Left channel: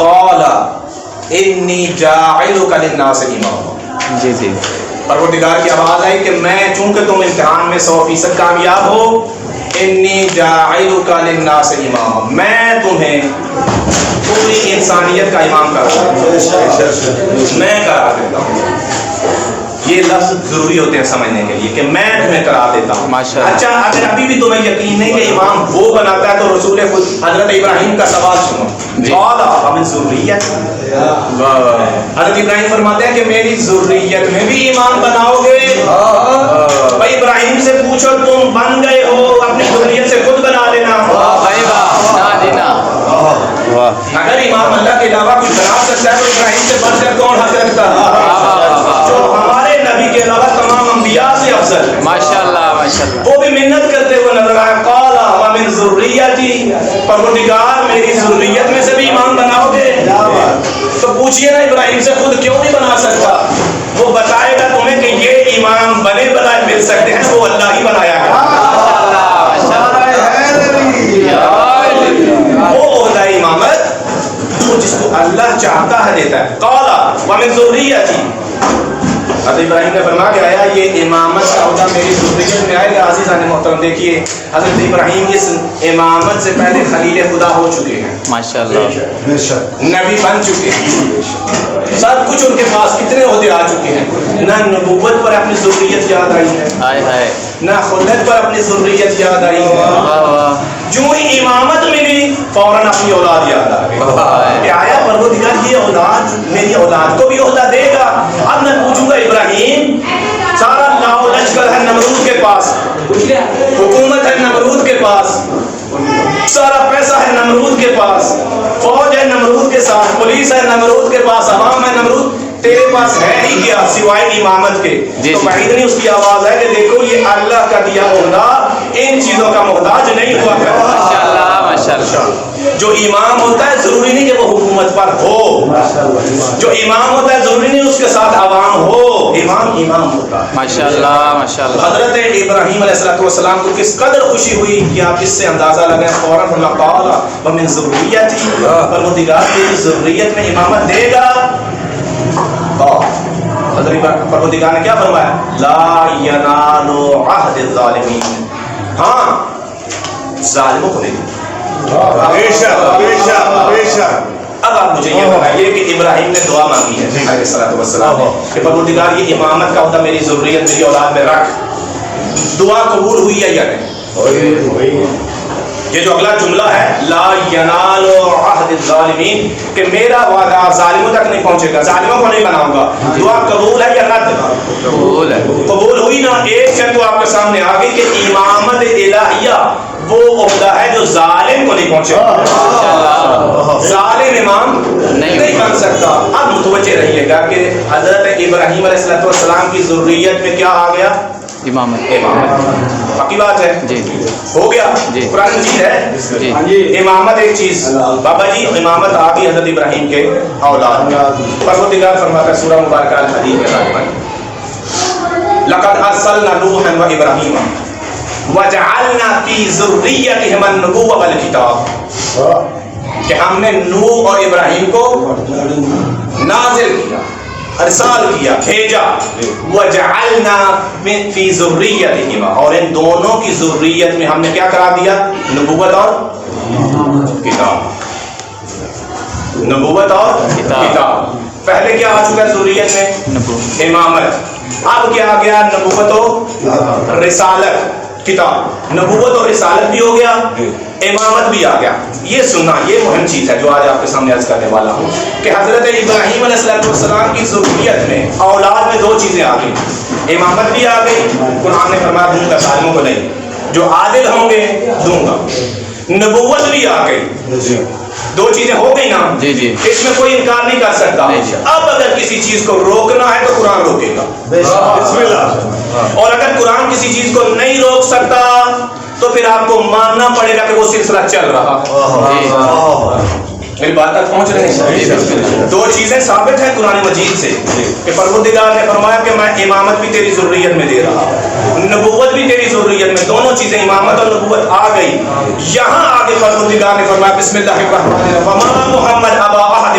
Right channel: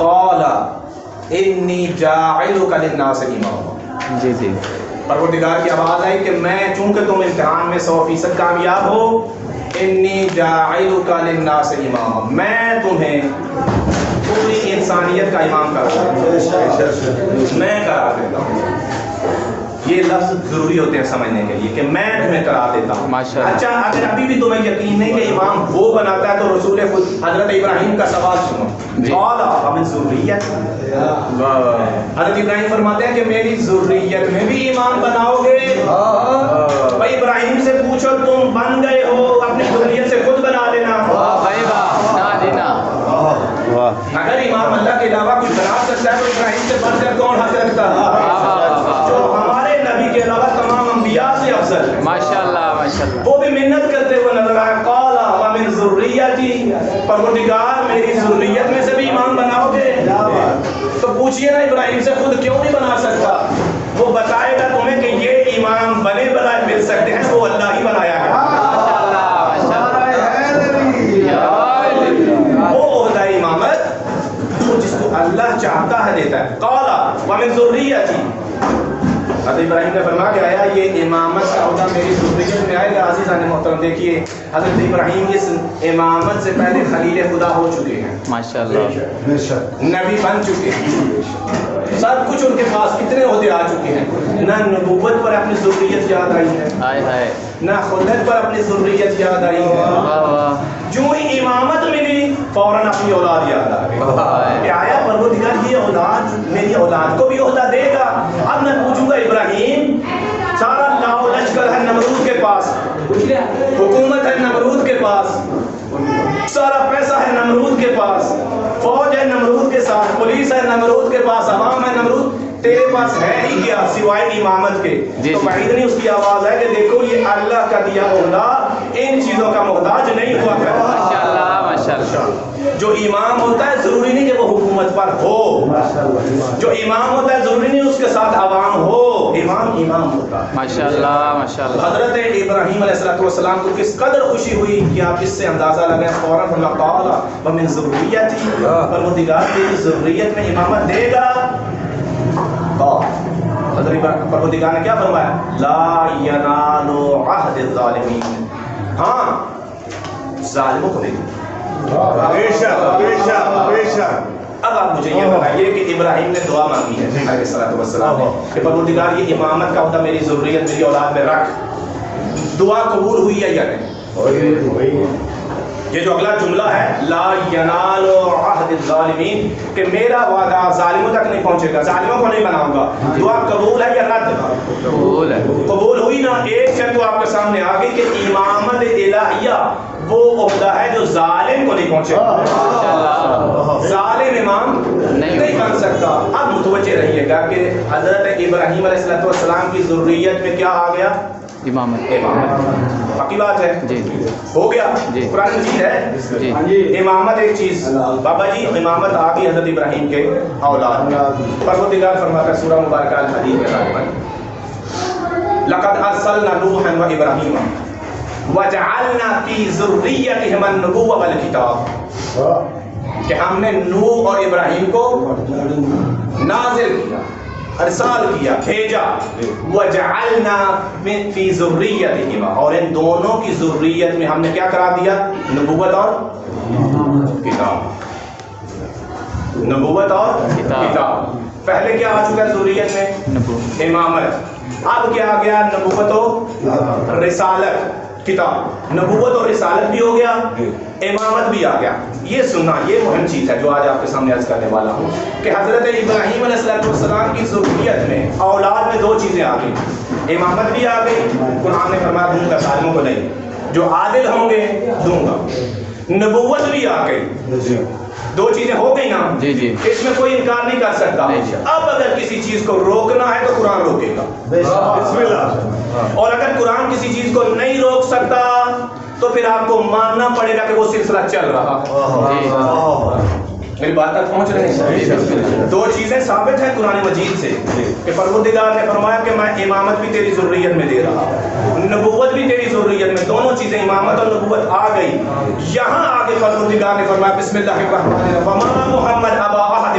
قال انی جاعلک للناس اماما. جی جی. پروردگار کی آواز آئی کہ میں چونکہ تم امتحان میں 100% کامیاب ہو، انی جاعلک للناس اماما، میں تمہیں پوری انسانیت کا امام قرار دیتا ہوں، میں قرار دیتا ہوں. یہ لفظ ضروری ہوتے ہیں سمجھنے کے لیے کہ میں تمہیں قرار دیتا ہوں. اچھا اگر ابھی بھی تمہیں یقین نہیں کہ امام وہ بناتا ہے تو رسول خود حضرت ابراہیم کا سوال سنو. قال ومن ذریت، حضرت ابراہیم فرماتے ہیں کہ میری ذریت میں بھی امام بناؤ گے. بھائی ابراہیم سے پوچھو تم بن گئے ہو، اپنی ذریت سے خود بنا لینا. اگر امام اللہ کے علاوہ کوئی بنا سکتا ہے تو ابراہیم سے بڑھ کر کون حق رکھتا ہے، جو ہمارے نبی کے علاوہ تمام انبیاء سے افضل ہے. ماشاءاللہ ماشاءاللہ. وہ بھی محنت کرتے ہوئے نظر آئے. قال ومن ذریتی، پروردگار میری ذریت میں سے بھی امام بناؤ گے. تو پوچھئے نا ابراہیم سے خود کیوں نہیں بنا سکتا، وہ بتائے گا تمہیں کہ یہ امام بنے بنائے مل سکتے ہیں، وہ اللہ ہی بنایا گا. جس کو اللہ چاہتا ہے دیتا ہے. قال ومن ذریتی، حضرت ابراہیم نے فرما کے آیا یہ امامت کا عہدہ میری ذریت میں آئے گا. عزیزان محترم دیکھیے حضرت ابراہیم اس امامت سے پہلے خلیل خدا ہو چکے ہیں، ماشاءاللہ، نبی بن چکے ہیں، سب کچھ ان کے پاس کتنے عہدے آ چکے ہیں. نہ نبوت پر اپنی ذریت یاد آئی ہے، نہ خلت پر اپنی ذریت یاد آئی ہے. جو ہی امامت ملی فوراً اپنی اولاد یاد آ گئی کہ آیا پروردگار یہ اولاد میری اولاد کو بھی عہدہ دے گا. اب میں پوچھوں گا ابراہیم، سارا لاؤ لشکر ہے نمرود کے پاس، حکومت ہے نمرود کے پاس، سارا پیسہ ہے نمرود کے پاس، فوج ہے نمرود کے ساتھ، پولیس ہے نمرود کے پاس، عوام ہے نمرود، تیرے پاس ہے ہی کیا سوائے امامت کے. تو بعید نہیں اس کی آواز ہے کہ دیکھو یہ اللہ کا دیا عہدہ ان چیزوں کا محتاج نہیں ہوا کرتا. ماشاءاللہ ماشاءاللہ. جو امام ہوتا ہے ضروری نہیں کہ وہ حکومت پر ہو، جو امام ہوتا ہے ضروری نہیں اس کے ساتھ عوام ہو، امام امام ہوتا ہے. ماشاءاللہ ماشاءاللہ. حضرت ابراہیم علیہ السلام کو کس قدر خوشی ہوئی کہ آپ اس سے اندازہ لگائیں. فوراً فرمایا قال ومن ذریتی، پروردگار میری ذریت میں امامت دے گا. حضرت پروردگار نے کیا فرمایا؟ لا ینال عہد الظالمین، ہاں ظالموں کو نہیں. اب آپ مجھے یہ بتائیے کہ ابراہیم نے دعا مانگی ہے علیہ السلام کہ پروردگار یہ امامت کا عہدہ میری ذریت میری اولاد میں رکھ. دعا قبول ہوئی ہے یا نہیں؟ یہ جو اگلا جملہ ہے لا ینال عہد الظالمین، کہ میرا وعدہ ظالموں تک نہیں پہنچے گا، ظالموں کو نہیں بناؤں گا. دعا قبول ہے یا رد؟ قبول ہے. قبول ہوئی نا. ایک شرط تو آپ کے سامنے آ گئی کہ امامت الہیہ وہ عہدہ ہے جو ظالم کو نہیں پہنچے گا، ظالم امام نہیں بن سکتا. اب متوجہ رہیے گا کہ حضرت ابراہیم علیہ السلام کی ذریت میں کیا آ گیا؟ امامت. باقی بات ہے جی ہو گیا. قرآن مجید ہے جی. امامت ایک چیز، بابا جی امامت آ گئی حضرت ابراہیم کے اولاد میں. پروردگار فرماتا ہے سورہ مبارکہ الحدید میں لقد ارسلنا نوحا وابراہیم وجعلنا فی ذریتہما النبوۃ والکتاب، کہ ہم نے نوح اور ابراہیم کو نازل کیا، ارسال کیا، بھیجا. وجعلنا فی ذریتہما، اور ان دونوں کی ذریت میں ہم نے کیا قرار دیا؟ نبوت اور کتاب. نبوت اور کتاب. پہلے کیا آ چکا ہے ذریت میں؟ امامت. اب کیا آ گیا؟ نبوت و رسالت. کتاب، نبوت اور رسالت بھی ہو گیا، امامت بھی آ گیا. یہ سننا یہ مہم چیز ہے جو آج آپ کے سامنے عرض کرنے والا ہوں کہ حضرت ابراہیم علیہ السلام کی ذریت میں اولاد میں دو چیزیں آ گئی، امامت بھی آ گئی. قرآن نے فرمایا دوں گا ظالموں کو نہیں، جو عادل ہوں گے دوں گا. نبوت بھی آ گئی. دو چیزیں ہو گئی نا. جی جی. اس میں کوئی انکار نہیں کر سکتا. اب اگر کسی چیز کو روکنا ہے تو قرآن روکے گا. بسم اللہ. اور اگر قرآن کسی چیز کو نہیں روک سکتا تو پھر آپ کو ماننا پڑے گا کہ وہ سلسلہ چل رہا. میری بات تک پہنچ رہے ہیں؟ دو چیزیں ثابت ہیں قرآن مجید سے کہ پروردگار نے فرمایا کہ میں امامت بھی تیری ذریت میں دے رہا ہوں، نبوت بھی تیری ذریت میں. دونوں چیزیں امامت اور نبوت آ گئی. یہاں آگے پروردگار نے فرمایا بسم اللہ الرحمن الرحیم وما محمد ابا احد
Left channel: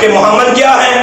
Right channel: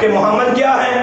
کہ محمد کیا ہیں؟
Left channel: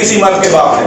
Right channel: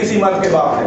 کسی مرد کے باپ ہیں.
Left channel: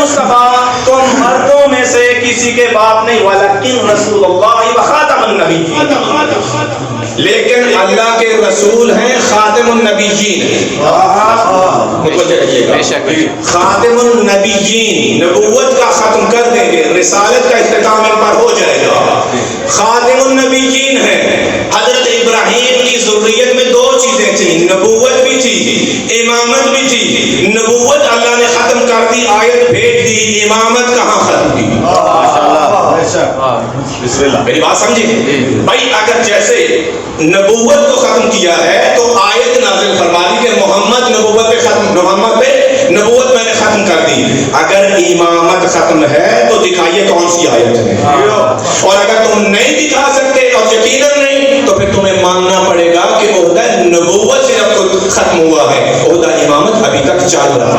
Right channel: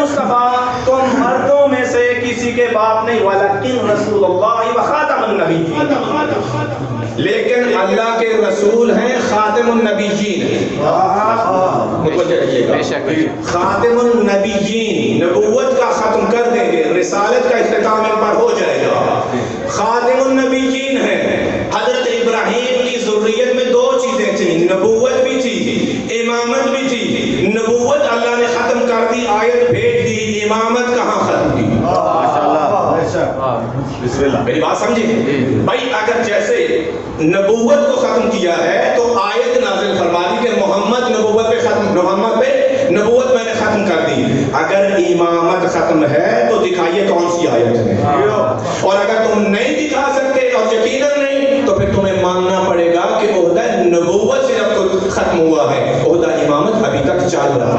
مصطفیٰ تم مردوں میں سے کسی کے باپ نہیں، ولیکن رسول اللہ و خاتم النبیین، لیکن اللہ کے رسول ہیں، خاتم النبیین. متوجہ رہیے گا، بے شک خاتم النبیین، نبوت کا ختم کر دیں گے، رسالت کا اختتام ان پر ہو جائے گا. خاتم النبیین ہیں. حضرت ابراہیم کی ذریت میں دو چیزیں تھیں، نبوت بھی تھی، امامت بھی تھی. نبوت اللہ نے ختم کر دی، آیت بھیج دی، امامت کہاں ختم کی؟ میری بات سمجھے بھائی؟ اگر جیسے نبوت کو ختم کیا ہے تو آیت نازل فرما دی کہ محمد نبوت پہ نبوت میں نے ختم کر دی. اگر امامت ختم ہے تو دکھائیے کون سی آیت ہے. اور اگر تم نہیں دکھا سکتے اور یقیناً نہیں تو پھر تمہیں ماننا پڑے گا کہ عہدہ نبوت سے اب ختم ہوا ہے، عہدہ امامت ابھی تک چل رہا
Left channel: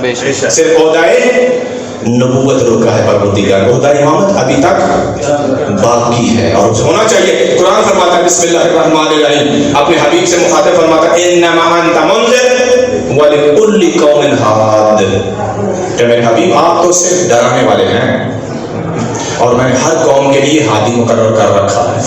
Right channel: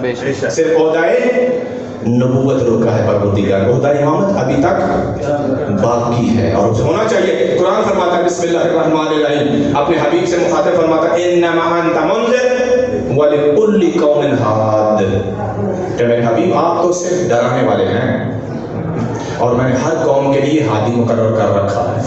بے شک صرف عہدہ نبوت روکا ہے پروردگار، عہدہ امامت ابھی تک باقی ہے اور ہونا چاہیے. قرآن فرماتا ہے بسم اللہ الرحمن الرحیم، اپنے حبیب سے مخاطب فرماتا ہے انما انت منذر ولکل قوم ہاد، کہ میرے حبیب آپ تو صرف ڈرانے والے ہیں اور میں نے ہر قوم کے لیے ہادی مقرر کر رکھا ہے.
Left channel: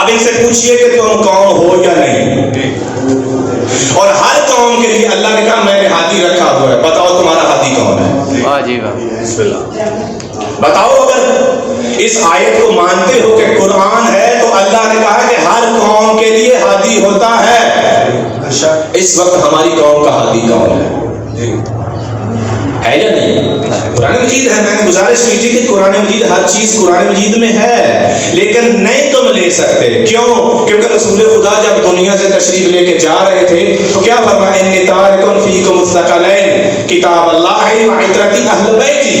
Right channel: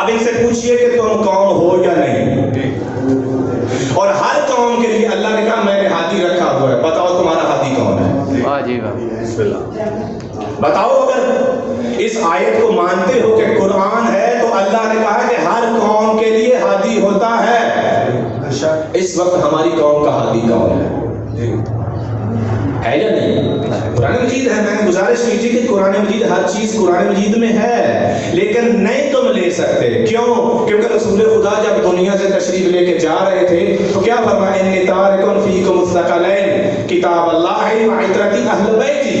اب ان سے پوچھئے کہ تم قوم ہو یا نہیں، اور ہر قوم کے لیے اللہ نے کہا میں نے ہادی رکھا ہوا ہے. بتاؤ تمہارا ہادی کون ہے؟ واہ جی واہ بتاؤ. اگر اس آیت کو مانتے ہو کہ قرآن ہے تو اللہ نے کہا کہ ہر قوم کے لیے ہادی ہوتا ہے. اس وقت ہماری قوم کا ہادی کون ہے یا نہیں؟ قرآن مجید ہے. میں نے گزارش کی تھی کہ قرآن مجید ہر چیز قرآن مجید میں ہے، لیکن نہیں تم لے سکتے. کیوں؟ کیونکہ رسول خدا جب دنیا سے تشریف لے کے جا رہے تھے تو کیا فرمایا؟ انی تارک فیکم الثقلین کتاب اللہ و عترتی اہل بیتی،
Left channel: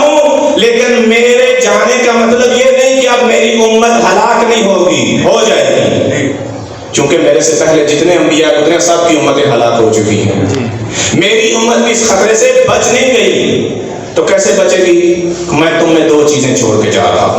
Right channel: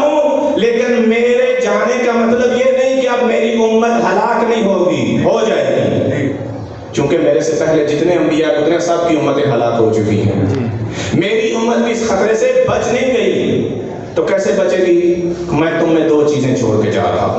ہوں لیکن میرے جانے کا مطلب یہ نہیں کہ اب میری امت ہلاک نہیں ہوگی، ہو جائے گی. چونکہ میرے سے پہلے جتنے انبیاء گزرے سب کی امتیں ہلاک ہو چکی ہیں. میری امت بھی اس خطرے سے بچ نہیں گئی. تو کیسے بچے گی؟ میں تم میں دو چیزیں چھوڑ کے جا رہا ہوں.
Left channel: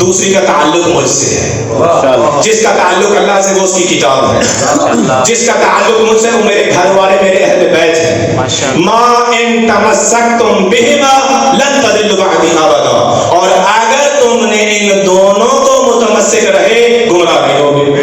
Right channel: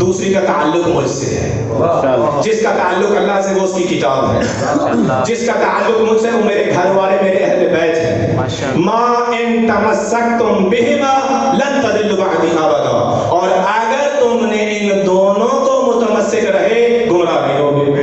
دوسری کا تعلق مجھ سے ہے. جس کا تعلق اللہ سے وہ اس کی کتاب ہے، جس کا تعلق مجھ سے وہ میرے گھر والے، میرے اہل بیت ہیں. ما ان تمسکتم بہما لن تضلوا بعدی ابدا، اور اگر تم نے ان دونوں کو متمسک رہے گمراہ نہیں ہوگے.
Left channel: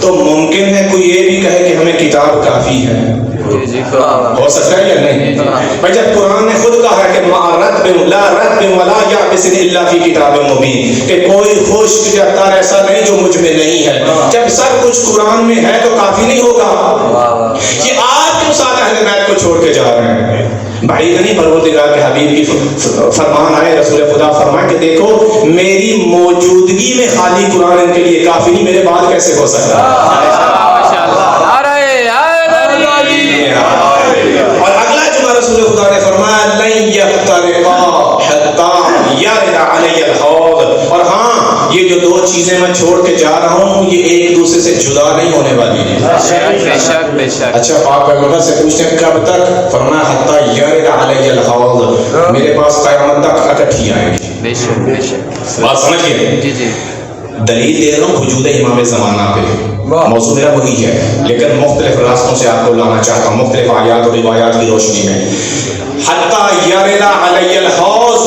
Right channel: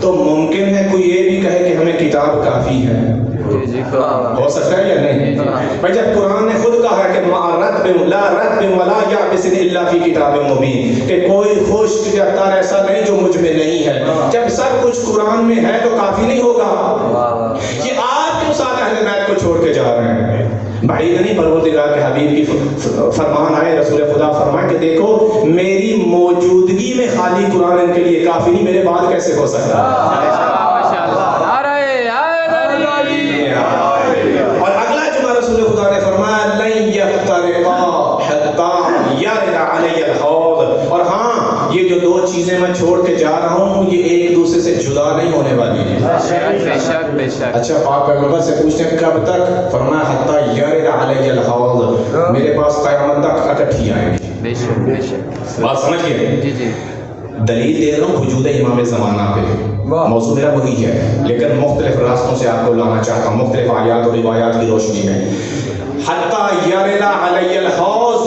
تو ممکن ہے کوئی یہ بھی کہے کہ ہمیں کتاب کافی ہے. جی ہو سکتا ہے یا نہیں؟ بھائی جب قرآن نے خود کہا ہے کہ لا رتب ولا یابس الا فی کتاب مبین، کہ کوئی خشک یا تر ایسا نہیں جو مجھ میں نہیں ہے. جب سب کچھ قرآن میں ہے تو کافی نہیں ہوگا کہ آپ کیوں ساتھ اہل بیت کو چھوڑ کے جا رہے ہیں؟ بعید نہیں پروردگار کے حبیب کی فرمان آئے، رسول خدا فرمائے کہ دیکھو میری موجودگی میں خالی قرآن ان کے لیے کافی نہیں، میرے بعد کیسے ہو سکتا ہے؟ اور اگلا جملہ رسول خدا نے فرمایا لن یفترقا حتی یرد علی الحوض، اور ہاں یہ جو دو چیزیں میں چھوڑ کے جا رہا ہوں یہ ایک دوسرے سے جدا نہیں ہونے والی ہیں. بے شک اچھا پاک پیغمبر سے پوچھتے ہیں کب تک؟ فرمایا حتی یرد علی الحوض، میرے پاس قیامت تک اکٹھی آئیں گی. بے شک بات سمجھ گئے؟ جی جی دلیل دے رہا ہوں وجود امام زمانہ پہ، موضوع میرا وہی ہے لیکن مختلف راستوں سے آپ کو لانا چاہتا ہوں، مختلف آیات اور روایات کی روشنی میں. حتیٰ یرد علی الحوض،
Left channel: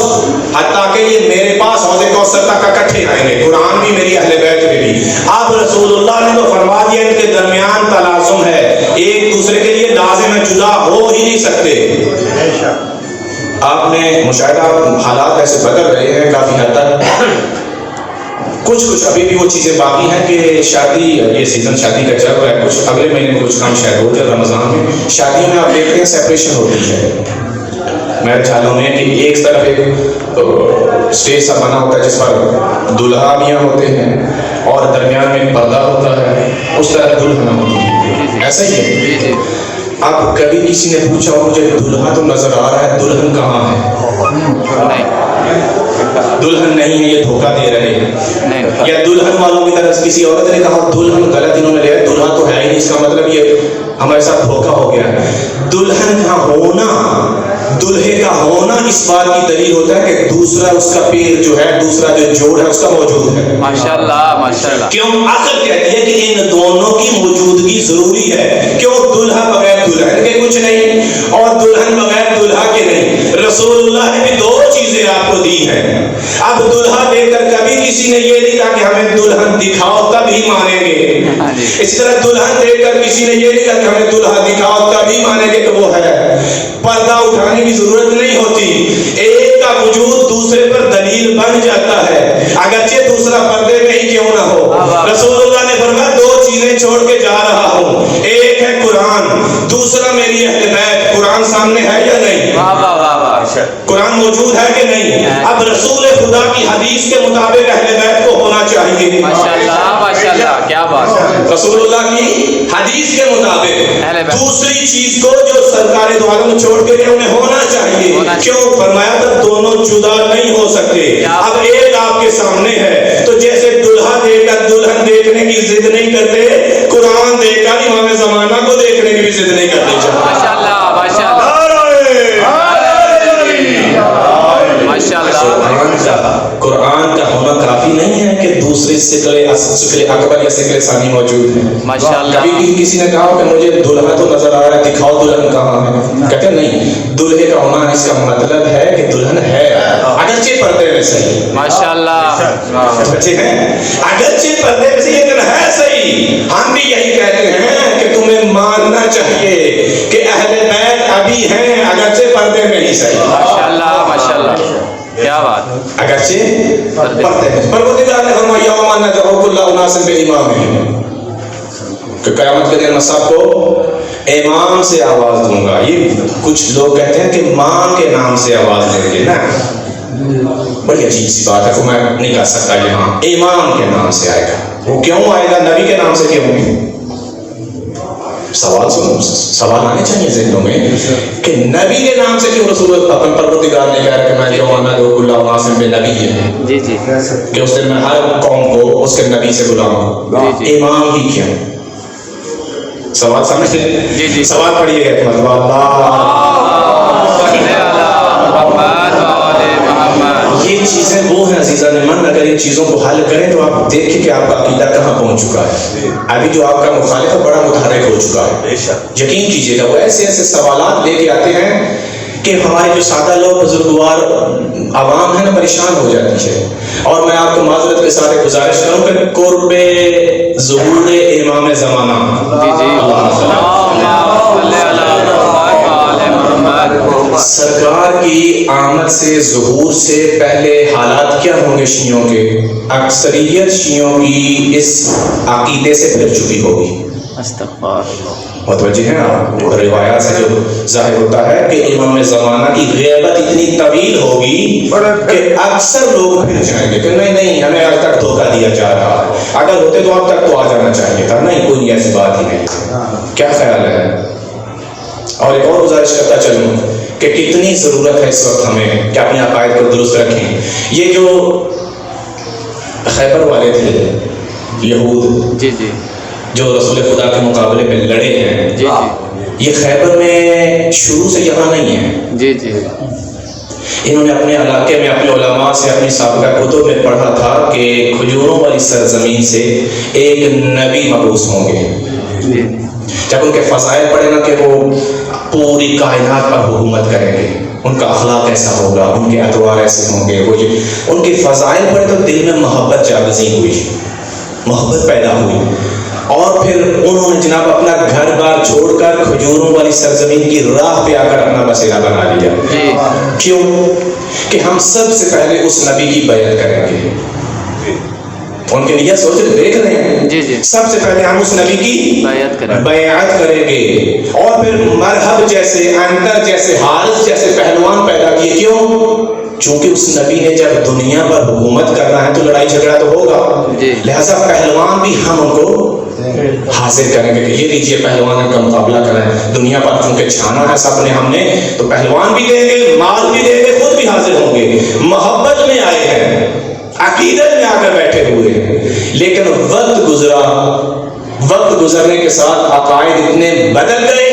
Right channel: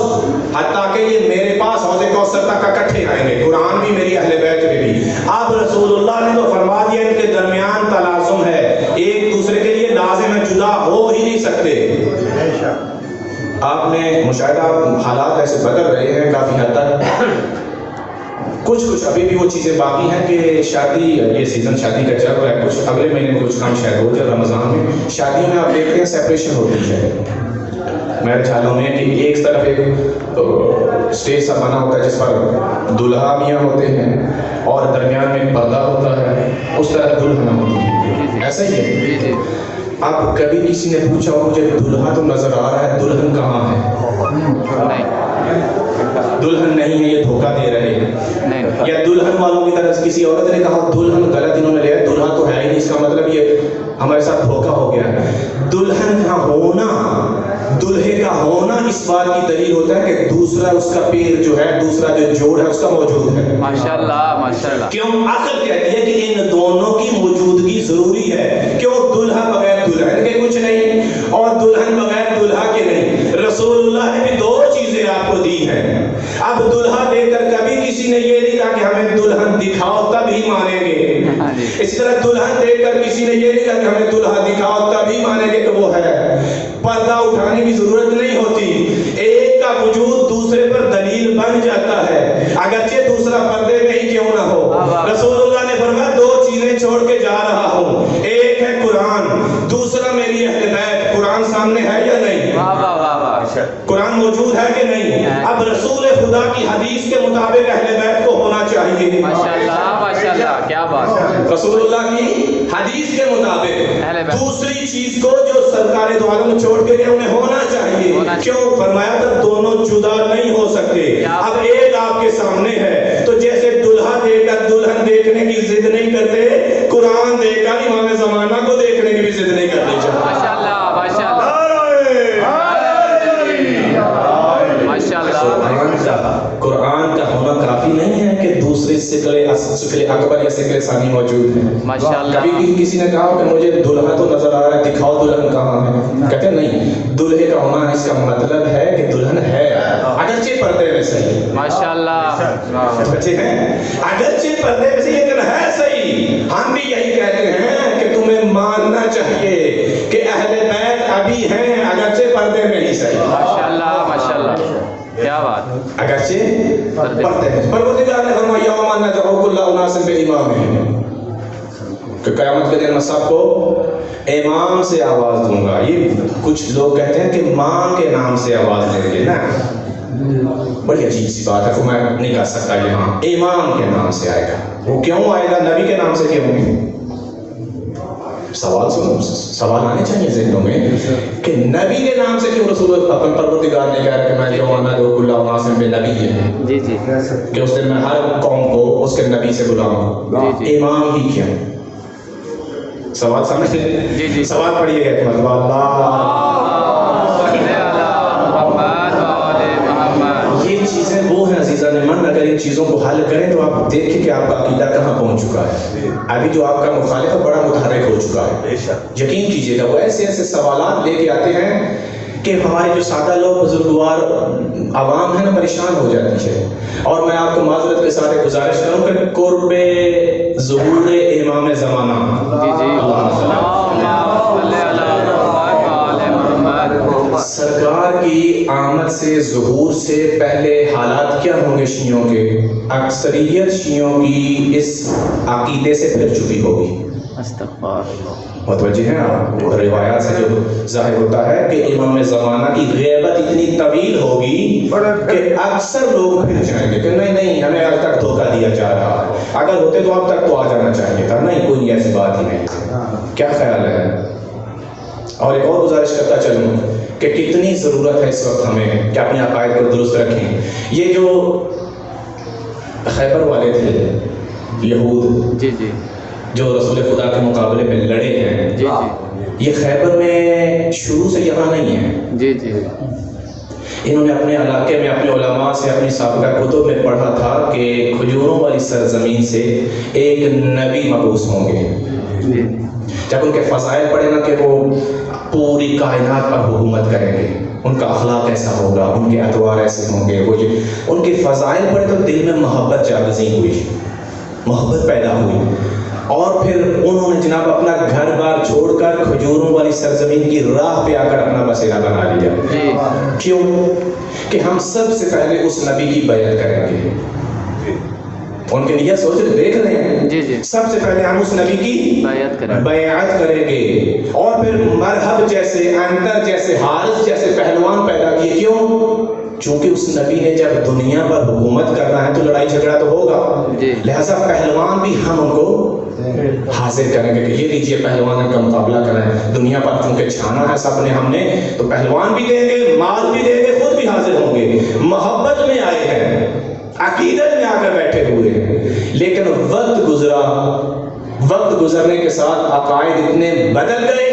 حتیٰ کہ یہ میرے پاس حوض کوثر تک اکٹھے آئیں گے. قرآن بھی میری اہل بیت میں بھی. اب رسول اللہ نے تو فرما دیا ان کے درمیان تلازم ہے، ایک دوسرے کے لیے لازم ہے، جدا ہو ہی نہیں سکتے. آپ نے مشاہدہ حالات ایسے بدل رہے ہیں کافی حد تک، کچھ ابھی بھی وہ چیزیں باقی ہیں کہ شادی، یہ سیزن شادی کا چل رہا ہے، کچھ اگلے مہینے میں کچھ کام شاید ہو جائے. رمضان میں شادیوں میں آپ دیکھتے ہیں سیپریشن ہوتی ہے میرے خیالوں میں کہ ایک طرف ایک اسٹیج سا بنا ہوتا ہے جس پر دلہا میاں ہوتے ہیں اور درمیان میں پردہ ہوتا ہے، اس طرح دلہن ہوتی ہے. ایسا ہی ہے. اب کبھی کسی نے پوچھا مجھے دلہا تو نظر آ رہا ہے، دلہن کہاں ہے؟ دلہن نہیں ہے یہ دھوکہ دے رہے ہیں. نہیں. یا دلہن والوں کی طرف کسی عورت نے کہا دلہن غلط انہوں نے لیا, دلہا تو ہے ہی نہیں, اس کا مطلب یہ ہمارے ساتھ دھوکہ ہو گیا. دلہن کا ہونا, دلہے کا ہونا اس بات کی دلیل ہوتا ہے کہ دوسرا اس کا پیر جو ہے, دوسرا جو جوڑ ہے اس کا موجود ہے. ماشاءاللہ ماشاءاللہ. کیوں عقل کہتی ہے کہ ان دونوں کی موجودگی ضروری ہے. کیوں دلہا بغیر دلہن کے کچھ نہیں اور دلہن بغیر دلہا کے نہیں. رسول اللہ نے بھی 2 چیزیں آپ کو دی ہیں. اب دلہا دے کر کبھی کسی نے یہ نہیں کہا کہ ہمیں دلہن دکھاؤ تب ہی مانیں گے. اسی طرح دلہن دے کر کسی نے یہ نہیں کہا کہ ہمیں دلہا دکھاؤ تب ہی مانیں گے کہ وہ ہے. پردہ اٹھانے کی ضرورت نہیں ہوتی, ایک کا وجود دوسرے پر دلیل بن جاتا ہے اگرچہ دوسرا پردے میں ہی کیوں نہ ہو. رسول اللہ نے فرمایا 2 چیزیں چھوڑ کے جا رہا ہوں, ایک ہے قرآن, دوسرا میری اہل بیت. قرآن سامنے ہے یا نہیں؟ قرآن موجود ہے کہ نہیں؟ اب رسول خدا کی حدیث کے مطابق اہل بیت کو ہونا چاہیے. ماشاءاللہ ماشاءاللہ, کیا بات ہے. رسول اللہ کی حدیث کے مطابق دوسری چیز کو جو سرکار دو عالم چھوڑ کے گئے انہیں ہونا چاہیے. کیوں؟ فرمایا تھا دونوں جدا نہیں ہو سکتے. اب ایک آپ کے سامنے ہے تو جیسے دلہا دے کر دلہن دیکھنے کی ضد نہیں کرتے, قرآن دے کر امام زمانہ کو دیکھنے کی بھی ضد نہیں کرتے. ماشاءاللہ ماشاءاللہ ماشاءاللہ. قرآن کا ہونا کافی نہیں ہے کہ دوسرے شکل اکبر یا شکل ثانی موجود ہے. ماشاءاللہ. کبھی کسی نے کہا کہ مجھے دلہا تو نظر آ رہا ہے, دکھاؤ دلہن کہاں ہے. کہتے ہیں نہیں, دلہے کا ہونا اس کا مطلب ہے کہ دلہن ہے اگرچہ پردے میں صحیح. ماشاءاللہ. بچے ہیں اگرچہ پردے میں صحیح لیکن ہے صحیح. ہم بھی یہی کہتے ہیں کہ تمہیں ماننا چاہیے کہ اہل بیت ابھی ہیں اگرچہ پردے میں ہی صحیح. ماشاءاللہ ماشاءاللہ, کیا بات. اگرچہ پردے میں. پروردگار نے فرمایا یوم ندعو کل اناس بامامہم, کہ قیامت کے دن میں سب کو امام سے آواز دوں گا. یہ کچھ لوگ کہتے ہیں کہ ماں کے نام سے آواز دیں گے نا, بڑی عجیب سی بات ہے کہ میں نہیں کہہ سکتا یہاں امام کے نام سے آئے گا. وہ کیوں آئے گا؟ نبی کے نام سے کیوں؟ سوال سنو, سوال آنے چاہیے ذہنوں میں کہ نبی کے نام سے کیوں رسول اپنے پروردگار نے کہا کہ میں یوم ندعو کل اناس بامامہم, جی جی کہ اس دن میں ہر قوم کو اس کے نبی سے بلاؤں گا. امام ہی کیوں؟ سوال سمجھ جی جی. سوال پڑھیے گا مطلب اللہ. یہ چیزیں وہ ہیں عزیزان من, اگر ان چیزوں کو حل کریں تو آپ دیکھیں کہ آپ کا عقیدہ کہاں پہنچ چکا ہے. ابھی جو آپ کا مخالف ہے بڑا متحرک ہو چکا ہے. یقین کیجیے گا وہ ایسے ایسے سوالات لے کے آتے ہیں کہ ہمارے جو سادہ لوگ بزرگوار عوام ہے نا پریشان ہو جاتی ہے. اور میں آپ کو معذرت کے ساتھ گزارش کروں کہ قرب ظہور امام زمانہ, جی جی, سرکار کی آمد سے ظہور سے پہلے حالات کیا ہوں گے شیعوں کے؟ اکثریت شیعوں کی اس عقیدے سے پھر چکی ہوگی. متوجہ ہیں آپ؟ روایات سے جو ظاہر ہوتا ہے کہ امام زمانہ کی غیبت اتنی طویل ہوگی کہ اکثر لوگ پھر جائیں گے کہ نہیں نہیں ہمیں اب تک دھوکہ دیا جا رہا ہے, اگر ہوتے تو اب تک تو آ جانا چاہیے تھا. نہیں, کوئی ایسی بات ہی نہیں. کیا خیال ہے؟ اور ایک اور گزارش کرتا چلوں کہ کتنی ضرورت ہے اس وقت ہمیں کہ اپنے عقائد کو درست رکھیں. یہ جو خیبر والے تھے یہود, جی جی, جو رسول خدا کے مقابلے میں لڑے ہیں, جی جی, یہ خیبر میں شروع سے یہاں نہیں ہے. جی جی. انہوں نے اپنے علاقے میں اپنے علماء سے اپنی سابقہ کتب میں پڑھا تھا کہ کھجوروں والی سرزمین سے ایک نبی مبعوث ہوں گے. جب ان کے فضائل پڑھے نا کہ وہ پوری کائنات پر حکومت کریں گے, ان کا اخلاق ایسا ہوگا, ان کے اطوار ایسے ہوں گے, وہ ان کے فضائل پڑھے تو دل میں محبت جاگزی ہوئی, محبت پیدا ہوئی. اور پھر انہوں نے جناب اپنا گھر بار چھوڑ کر کھجوروں والی سرزمین کی راہ پہ آ کر اپنا بسیرا بنا لیا. کیوں؟ کہ ہم سب سے پہلے اس نبی کی بیعت کریں گے. ان کے لیے سوچ دیکھ رہے ہیں, جی جی, سب سے پہلے ہم اس نبی کی بیعت کریں گے. اور پھر مرحب جیسے, انتر جیسے, حارث جیسے پہلوان پیدا کیے. کیوں؟ چونکہ اس نبی نے جب دنیا پر حکومت کرنا ہے تو لڑائی جھگڑا تو ہوگا, لہذا پہلوان بھی ہم ان کو حاضر کریں گے کہ یہ لیجیے پہلوان کا مقابلہ کریں. دنیا پر چونکہ چھانا ہے سب نے ہم نے, تو پہلوان بھی دیں گے, مال بھی دیں گے, خود بھی حاضر ہوں گے. محبت میں آئے ہیں, عقیدت میں آ کر بیٹھے ہوئے ہیں، لیکن وقت گزرنے کے ساتھ عقائد اتنے بدل گئے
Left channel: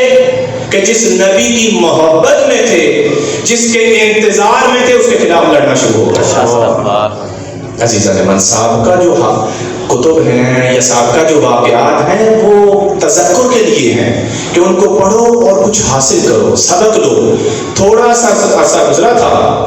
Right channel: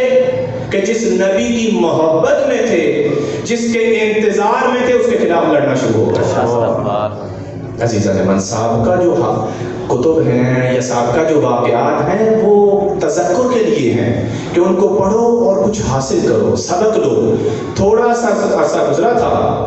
کہ جس نبی کی محبت میں تھے، جس کے انتظار میں تھے، اس کے خلاف لڑنا شروع ہو گیا۔ عزیزان من، سابقہ جو کتب ہیں یا سابقہ جو واقعات ہیں وہ تذکر کے لیے ہیں کہ ان کو پڑھو اور کچھ حاصل کرو، سبق لو۔ تھوڑا سا عرصہ گزرا تھا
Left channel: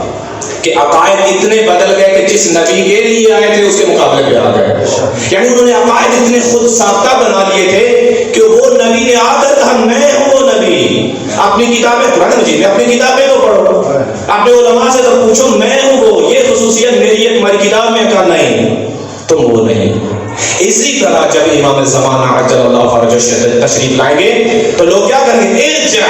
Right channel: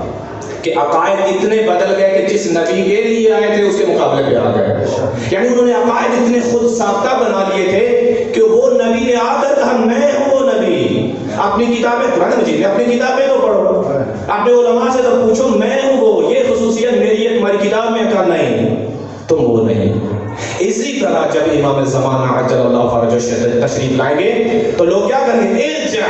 کہ عقائد اتنے بدل گئے کہ جس نبی کے لیے آئے تھے اس کے مقابلے پہ آ گئے، یعنی انہوں نے عقائد اتنے خود ساختہ بنا لیے تھے کہ وہ نبی نے آ کر کہا میں ہوں وہ نبی۔ اپنی کتابیں قرآن مجید میں اپنی کتابیں تو پڑھو، اپنے علماء سے تو پوچھو میں ہوں وہ، یہ خصوصیت میری ہے تمہاری کتاب میں، کہا نہیں تم وہ نہیں۔ اسی طرح جب امام زمانہ عجل اللہ فرجہ تشریف لائیں گے تو لوگ کیا کریں گے؟ ارجع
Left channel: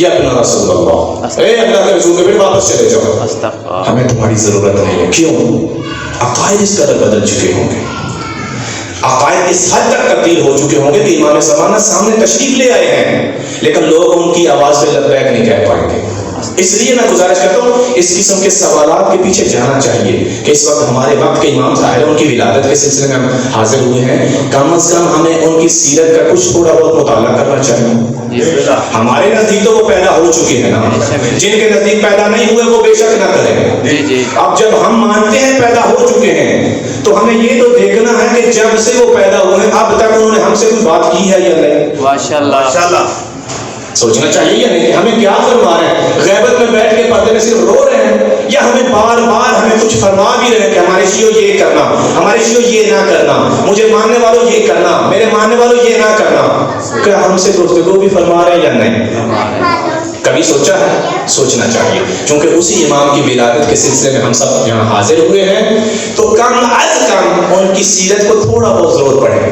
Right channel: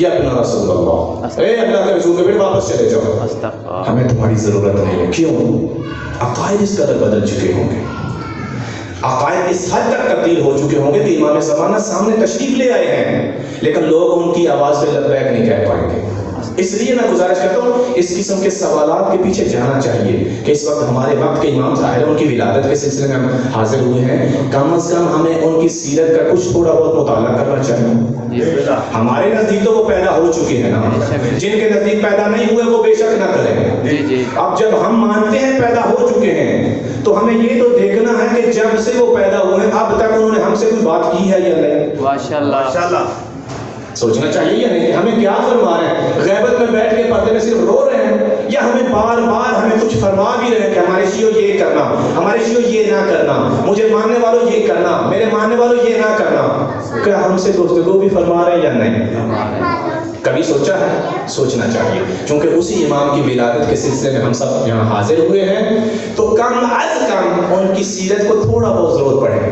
یا ابن رسول اللہ، اے اللہ کے رسول کے پھر واپس چلے جاؤ، ہمیں تمہاری ضرورت نہیں ہے۔ کیوں؟ عقائد اس قدر بدل چکے ہوں گے، عقائد اس حد تک تبدیل ہو چکے ہوں گے کہ امام زمانہ سامنے تشریف لے آئے ہیں لیکن لوگ ان کی آواز پہ لبیک نہیں کہہ پائیں گے۔ اس لیے میں گزارش کرتا ہوں اس قسم کے سوالات کے پیچھے جانا چاہیے کہ اس وقت ہمارے وقت کے امام ظاہر ان کی ولادت کے سلسلے میں ہم حاضر ہوئے ہیں، کم از کم ہمیں ان کی سیرت کا کچھ تھوڑا بہت مطالعہ کرنا چاہیے۔ ہمارے نزدیک تو وہ پیدا ہو چکے ہیں نا، جن کے نزدیک پیدا نہیں ہوئے وہ بے شک نہ کریں۔ اب جب ہم مانتے ہیں پیدا ہو چکے ہیں تو ہمیں یہ تو دیکھنا ہے کہ جب سے وہ پیدا ہوئے اب تک انہوں نے ہم سے کوئی بات کی ہے یا نہیں۔ ماشاءاللہ سوچنا چاہیے یا نہیں کہ ہمیں کیا فرما رہے ہیں؟ غیبت میں بیٹھ کے پردے میں صرف رو رہے ہیں یا ہمیں بار بار ہمیں کچھ فرما بھی رہے ہیں کہ ہمارے شیعوں یہ کرنا، ہمارے شیعوں یہ نہ کرنا، مجھے ماننے والوں یہ کرنا، میرے ماننے والوں یہ نہ کرنا؟ کیا ہم سے گفتگو بھی فرما رہے ہیں یا نہیں؟ کبھی سوچا ہے؟ سوچنا چاہیے، چونکہ اسی امام کی ولادت کے سلسلے میں ہم سب یہاں حاضر ہوئے ہیں تو کم از کم ان کی سیرت کو تھوڑا بہت ضرور پڑھیں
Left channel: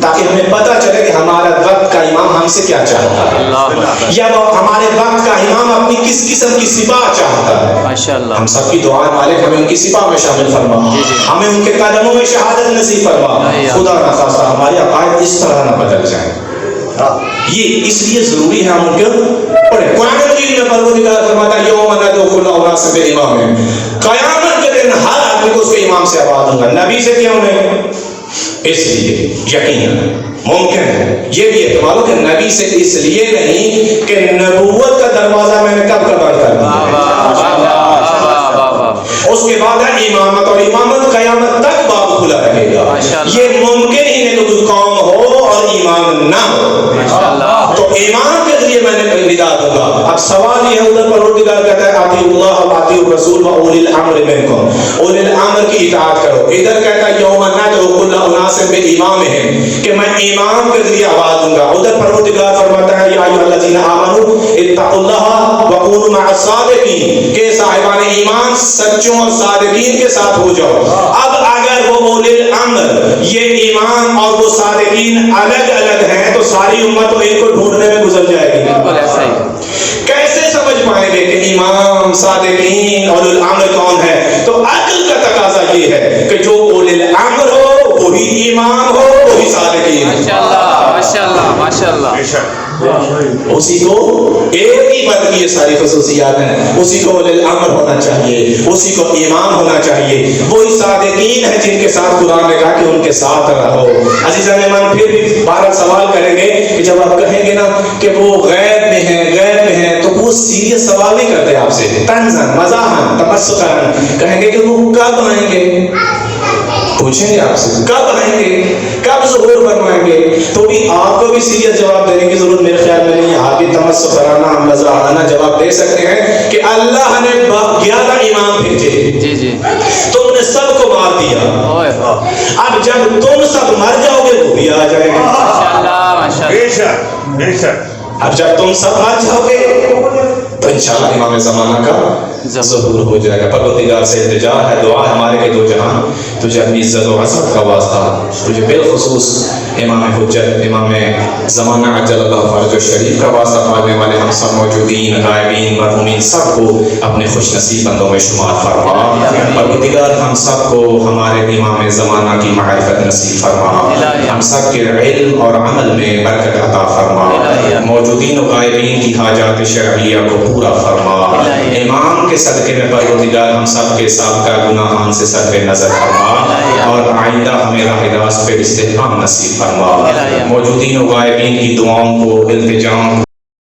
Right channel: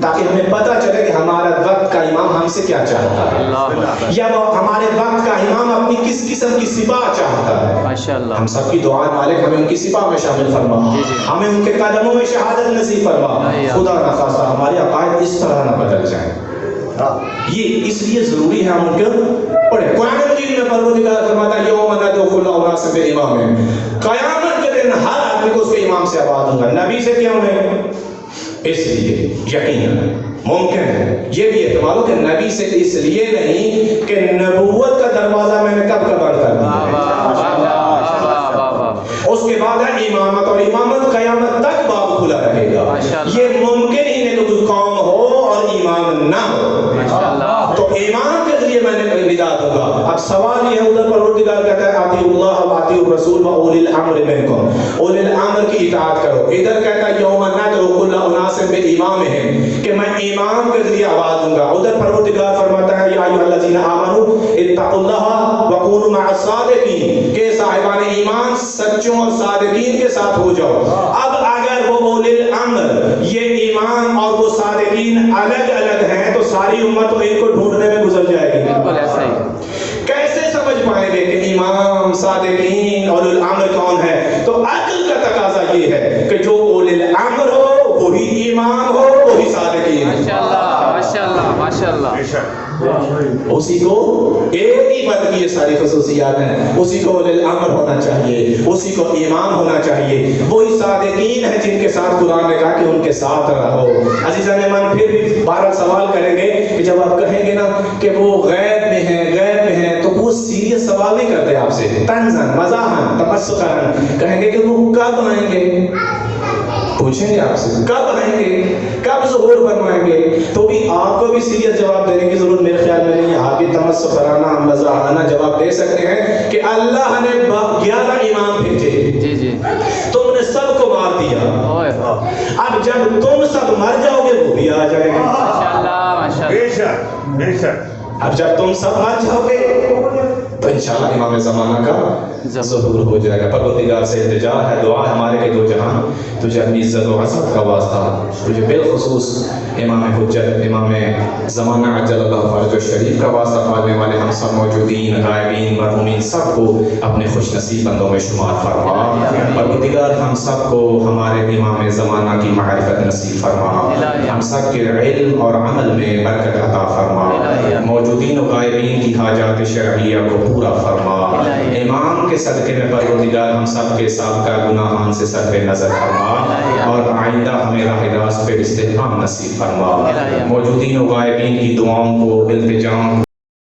تاکہ ہمیں پتہ چلے کہ ہمارا وقت کا امام ہم سے کیا چاہتا ہے یا وہ ہمارے وقت کا امام اپنی کس قسم کی صفات چاہتا ہے۔ ہم سب کی دعا مالک ہمیں ان کی صفات میں شامل فرما، ہمیں ان کے قدموں میں شہادت نصیب فرما، خدا نہ خواستہ ہمارے عقائد اس طرح نہ بدل جائیں۔ یہ اس لیے ضروری ہے ہم ان کو پڑھیں۔ قرآن مجید میں پروردگار فرماتا ہے یوم ندعو کل اناس بامام، قیامت کے دن ہر آدمی کو اس کے امام سے آواز دوں گا۔ نبی سے کیوں نہیں؟ اس لیے یقیناً ممکن ہے یہ بھی احتمال ہو کہ نبی سے اس لیے نہیں کہ نبوت کا دروازہ میں نے کب بند کر دیا، اس کے بعد ہے امامت، اور امامت قیامت تک باب کھلا رہے گا۔ یہ ممکن ہی نہیں کہ کوئی قوم ہو اور امام نہ ہو، تو امام کے ذریعے میں نے ندا دوں گا۔ اب سوال یہ ہے، ادھر پروردگار کہتا ہے اطیعوا اللہ و اطیعوا الرسول و اولی الامر منکم، اولی الامر کی اطاعت کرو۔ ادھر کہتا ہے یوم ندعو کل اناس بامامہم کہ میں امام کے ذریعے آواز دوں گا۔ ادھر پروردگار فرماتا ہے یا ایھا الذین آمنوا اتقوا اللہ وکونوا مع الصادقین کہ صاحبان ایمان سچوں اور صادقین کے ساتھ ہو جاؤ۔ اب اگر وہ اولی الامر یہ ایمان اور وہ صادقین الگ الگ ہیں تو ساری امت تو ایک کو ڈھونڈنے میں گزر جائے گی۔ بالکل ایسا ہی کیسے سمجھ پائیں گے کہ امام صادقین اور اولی الامر کون ہے؟ تو عقل کا تقاضا یہ ہے کہ جو اولی الامر ہو وہی امام ہو وہی صادقین۔ ماشاءاللہ ماشاءاللہ ماشاءاللہ، اسی کو ایک ہی بات کی یہ ساری خصوصیات ہیں، اسی کو اولی الامر ہونا چاہیے، اسی کو امام ہونا چاہیے، وہی صادقین ہیں جن کے ساتھ قرآن نے کہا کہ ان کے ساتھ رہو۔ عزیزان ایمان پھر بھی بہرحال سوال کریں گے کہ جب آپ کہیں گے نا کہ وہ غیب میں ہیں غیب میں ہیں تو وہ سیریس سوال نہیں کرتے آپ سے، طنزاً مزاحاً تمسخراً کہیں گے کہ وہ کب آئیں گے، پوچھیں گے آپ سے کب آئیں گے، کب ظہور فرمائیں گے، تو بھی آپ کو بھی سیریس جواب دینے کی ضرورت میرے خیال میں نہیں ہے۔ آپ بھی تمسخرانہ مزاحانہ جواب دے سکتے ہیں کہ اللہ نے 11 امام بھیجے، تم نے سب کو مار دیا، اب جب تم سب مر جاؤ گے وہ بھی آ جائیں گے۔ بے شک بے شک، اب جب تم سب مر جاؤ گے تو انشاءاللہ امام زمانہ کا ظہور ہو جائے گا۔ پروردگار سے التجا ہے، دعا ہے ہمارے کہ دو جہاں تجھے اپنی عزت و عظمت کا واسطہ، تجھے بالخصوص امام حجت امام زمانہ عجل اللہ فرجہ شریف کا واسطہ پانے والے ہم سب موجودین غائبین مرحومین سب کو اپنے خوش نصیب بندوں میں شمار فرما۔ پروردگار ہم سب کو ہمارے امام زمانہ کی معرفت نصیب فرما، ہم سب کے علم اور عمل میں برکت عطا فرما۔ موجود موجودین و غائبین کی حاجات شرعیہ کو پورا فرما، امام کے صدقے میں پروردگار ہم سب کے سابقہ گناہان سے صرف نظر فرما اور آئندہ ہمیں راہ راست پہ استحکام نصیب فرما، موجودین و غائبین کی دعاؤں کو، التجاؤں